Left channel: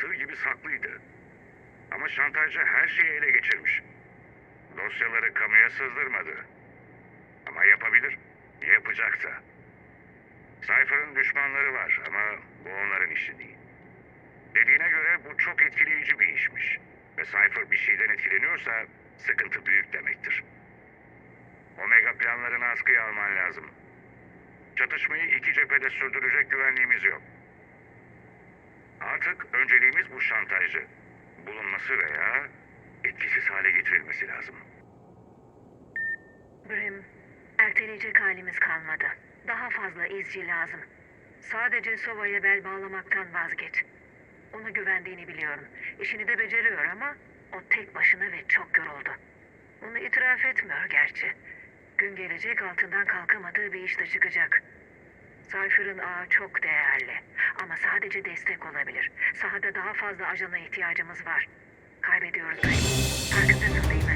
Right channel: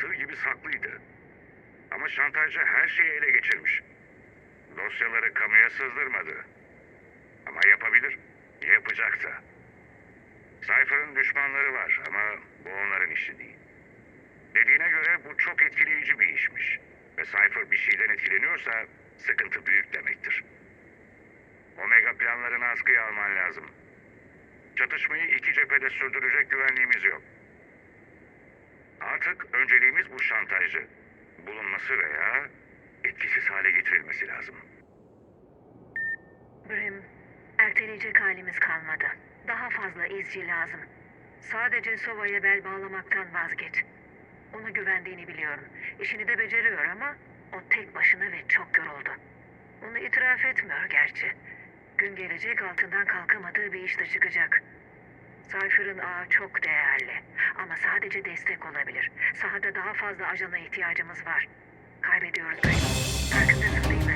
sır gibi saklıydı. Ama şantajcı her şeyi ele geçirmiş. Dosyaları kamuya sızdırmadı. Ama yapabilir. Yapacak da. Cypher'ın düşmanları var ama bu onların işi değil. Dediğine göre bu çok etkileyici bir işmiş. Ve Cypher bir şeyden etkileniyorsa sıkıntı büyük demektir. Omega planlarını askıya alman lazım. Çatışmayı iki cephede sürdürecek güvenliğimiz yok. Önceliğimiz bu şantajcı. Bulunması veya etkisiz hale getirilmesi lazım. Brim, erteleyecek halimiz kalmadı. Daha fazla izci lazım. Sadece Sova'ya bel bağlamaktan vazgeç. Ona güvendiğini biliyorum. İşini de beceriyor ama o tek başına ve çok yoruldu. Onu itiraf etmiyor gerçi. Gün gelecek altından kalkamadığı bir işte çıkacak. Cypher'ın ağı çok değerli ama sadece destek olabilir. Sahada daha fazla ajana ihtiyacımız var. Kaybediyoruz. Farkındasın değil mi?